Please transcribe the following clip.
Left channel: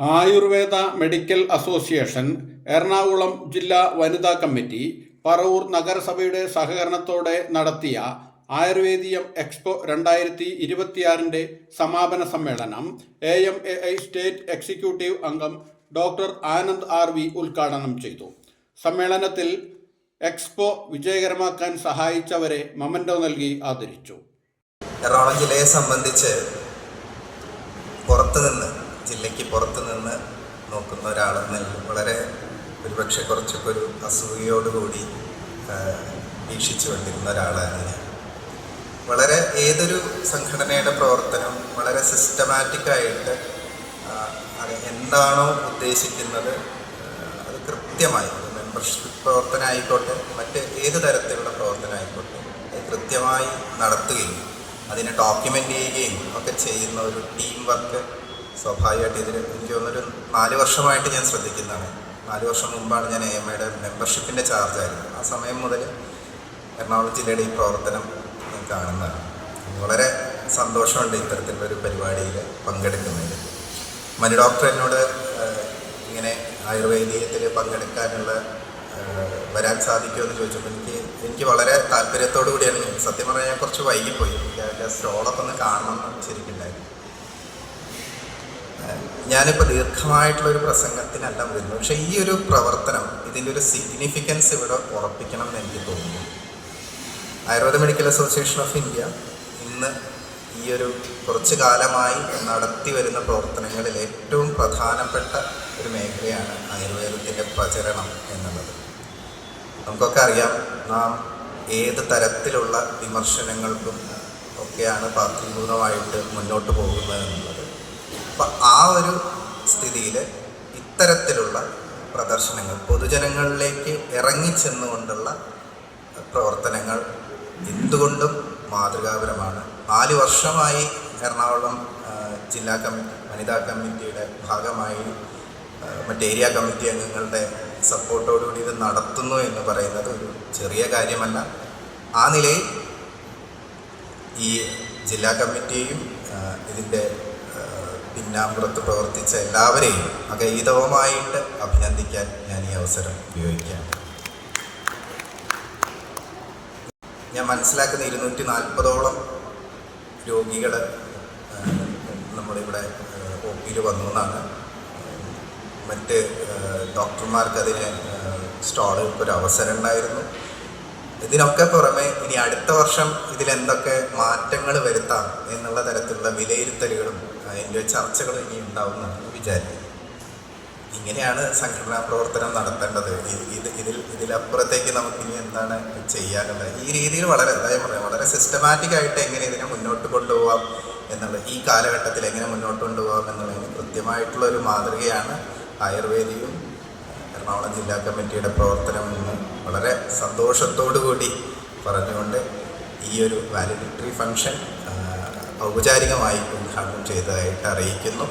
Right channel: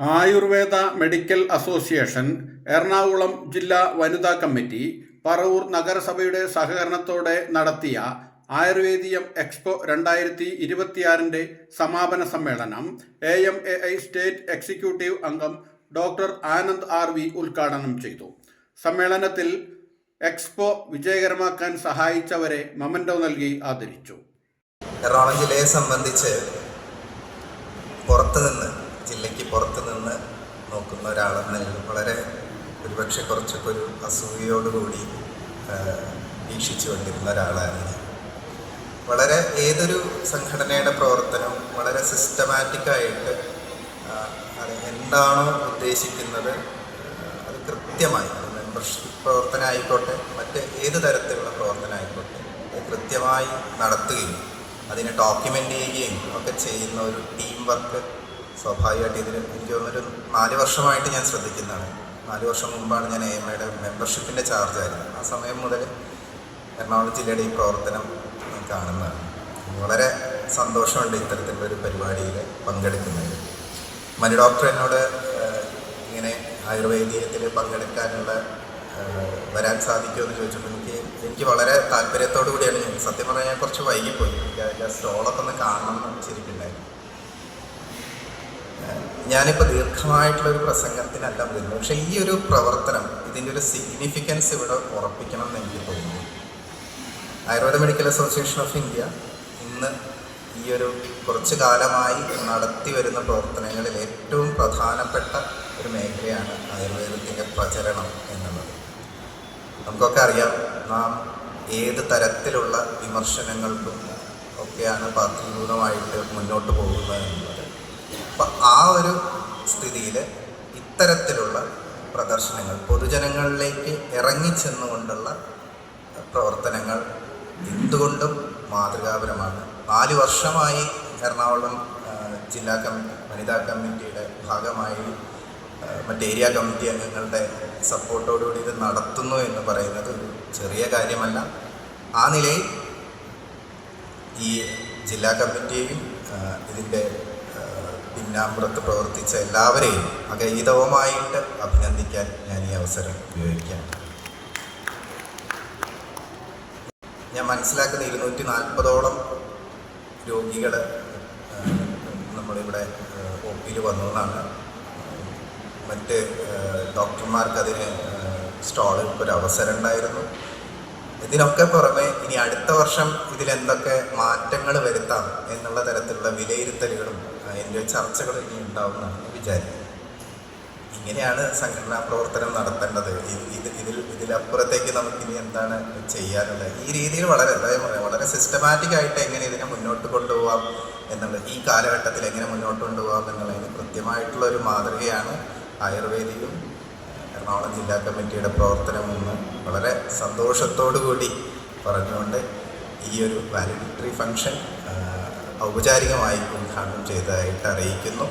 Ayurveda medical association, Ernakulam ജില്ലാ വനിതാ committee, Paravur നഗരസഭയുടെ സഹകരണത്തോടെ നടത്തിയ ആയുർവേദിയം എക്സ്പോ 2026 സമാപന സമ്മേളനം AMAI സ്റ്റേറ്റ് എക്സിക്യൂട്ടീവ് അംഗം ഡോക്ടർ ആനന്ദ് RV ഉദ്ഘാടനം ചെയ്തു. സമ്മേളനത്തിൽ എക്സ്പോ വിജയകരമാക്കാൻ സഹായിച്ചവരെ മൊമെന്റോ നൽകി ആദരിച്ചു. എറണാകുളം ജില്ലയെ സംബന്ധിച്ച് ജില്ലയ്ക്ക് പുറത്തു നിന്ന് നോക്കുന്ന ഒരാളെന്നല്ല വളരെ ഒരുപക്ഷെ കുറച്ചൊക്കെ ഒരു അസൂയയോടുകൂടി വീക്ഷിച്ചു വന്നിരുന്ന ഒരാളാണ് ഞാൻ. വളരെ ഏതൊരു സംഘടനയുടെ പ്രവർത്തനം വളരെ സിസ്റ്റമാറ്റിക്കായിട്ട് അത് എന്താണോ ഉദ്ദേശിക്കുന്നത് അത് കൃത്യമായി, മെമ്പർഷിപ്പ് പ്രവർത്തനം ആയിക്കോട്ടെ മറ്റ് ഏത് തരത്തിലുള്ള പ്രവർത്തനം ആയിക്കോട്ടെ അത് കൃത്യമായി നടത്തുകയും അതിനെ ഡോക്യുമെൻ്റ് ചെയ്യുകയും ഒക്കെ ചെയ്യുന്ന ഒരു ടീം വർക്ക് സ്വാഭാവികമായിട്ട് ഇതിൽ എനിക്ക് തോന്നുന്നൊരു 4 വർഷമായിട്ട് ഞാൻ ശ്രദ്ധിക്കുന്നതാണ്. 4 വർഷം മുമ്പാണ് ഞാൻ AMAയുടെ മെമ്പർഷിപ്പിൻ്റെ ചാർജായിരുന്നത്. ആ സമയം മുതൽ എറണാകുളം ജില്ലയുടെ ഈ പ്രവർത്തനം ഞാൻ കാണുന്നതാണ്. വളരെ സന്തോഷമുണ്ട് ഇത്തരത്തിലുള്ളൊരു പരിപാടിയിൽ പങ്കെടുക്കുന്നത്. മനു ഡോക്ടർ എന്നോട് ഇങ്ങനെ ആയുർവേദീയത്തിൽ പങ്കെടുക്കാനുള്ള വരാൻ സാധിക്കുമോ എന്ന് ചോദിച്ചപ്പോൾ എനിക്ക് വളരെ താല്പര്യത്തോടു കൂടിയാണ്. സത്യം പറഞ്ഞാൽ ഞാൻ കുറച്ച് വൈകിപ്പോയി. എനിക്ക് അതിൻ്റെ സ്റ്റോളൊക്കെ ഒന്ന് കാണണമെന്ന് ശരിക്കുണ്ടായിരുന്നു. ഞാനിപ്പോൾ ദീർഘമായിട്ടുള്ളൊരു പ്രസംഗത്തിനല്ല വരുന്നത്, പക്ഷേ ഈ ഒരു പ്രവർത്തനം ഇതിൻ്റെ ഒരു സിഗ്നിഫിക്കൻസ് ഇവിടെ ഉറപ്പിക്കണം എന്ന് എനിക്ക് തോന്നുന്നു. Ayurveda medical association of India ഇന്ന് ഈ ഒരു കുറച്ച് കാലമായി നടത്തി വരുന്ന പ്രവർത്തനങ്ങളിൽ ഏറ്റവും പ്രധാനപ്പെട്ട ഒരു മേഖലയാണ് ആയുർവേദത്തിൻ്റെ പ്രചരണം എന്നുള്ളത്. നമുക്കൊക്കെ അറിയാം, നാം ഏത് തരത്തിലുള്ള വിമർശനങ്ങൾക്കും ഒക്കെയാണ് പാർട്ടിഭൂതമായിട്ട് മുന്നോട്ട് പോകുന്നത് എന്നുള്ളത്. അപ്പം ആ ഒരു സ്ഥിതിയിൽ ഇത്തരത്തിലുള്ള പ്രദർശനങ്ങൾ പൊതുജനങ്ങളിലേക്ക് ഇറങ്ങിച്ചെന്നുകൊണ്ടുള്ള പ്രവർത്തനങ്ങൾ എന്തുകൊണ്ടും മാതൃകാപരമാണ്. 4 വർഷമായി എറണാകുളം ജില്ലാ വനിതാ കമ്മിറ്റിയുടെ ഭാഗമായി മറ്റ് ഏരിയ കമ്മിറ്റി അംഗങ്ങളുടെ സപ്പോർട്ടോടുകൂടി ഇത് നടത്തുന്നു എന്ന് പറയുന്നത് ഒരു ചെറിയ കാര്യമല്ല. ആ നിലയിൽ ഈ ജില്ലാ കമ്മിറ്റിയെയും ഇതിൻ്റെ പിന്നാമ്പുറത്ത് പ്രവർത്തിച്ച എല്ലാവരെയും അഗൈതവുമായിട്ട് അഭിനന്ദിക്കാൻ ഞാൻ ഈ അവസരം ഉപയോഗിക്കാം. ഞാൻ മനസ്സിലാക്കുന്ന 240ഓളം രോഗികൾ നമ്മളിവിടെ OPയിൽ വന്നു എന്നാണ്. മറ്റ് ഡോക്ടർമാർക്ക് അതിന് സ്റ്റോളിൽ ഒരു അവസരം ഉണ്ടായിരുന്നു. ഇതിനൊക്കെ പുറമെ ഇനി അടുത്ത വർഷം ഇതിലെന്തൊക്കെ മാറ്റങ്ങൾ വരുത്താം എന്നുള്ള തരത്തിലുള്ള വിലയിരുത്തലുകളും അതിൻ്റെ ചർച്ചകളും ഇനി ഉണ്ടാവുമെന്നാണ് വിചാരിക്കുന്നത്. ഇങ്ങനെയാണ് സംഘടനാ പ്രവർത്തനം നടത്തേണ്ടത്. ഇതിലപ്പുറത്തേക്ക് നമുക്കിനി എന്താണ് ചെയ്യാനുള്ളത്? ഈ രീതിയിൽ വളരെ സിസ്റ്റമാറ്റിക്കായിട്ട് എങ്ങനെ ഇതിനെ മുന്നോട്ട് കൊണ്ടുപോകാം എന്നുള്ളത്, ഈ കാലഘട്ടത്തിൽ എങ്ങനെ മുന്നോട്ട് കൊണ്ടുപോകാം എന്നുള്ളതിന് കൃത്യമായിട്ടുള്ളൊരു മാതൃകയാണ് ആയുർവേദിയും എറണാകുളം ജില്ലാ കമ്മിറ്റിയുടെ പ്രവർത്തനം എന്ന് വളരെ സന്തോഷത്തോടു കൂടി പറഞ്ഞുകൊണ്ട് ഈ ഒരു വാലിഡിറ്ററി ഫംഗ്ഷൻ ഔപചാരികമായി ഉദ്ഘാടനം ചെയ്തതായിട്ട് അറിയിക്കുന്നു.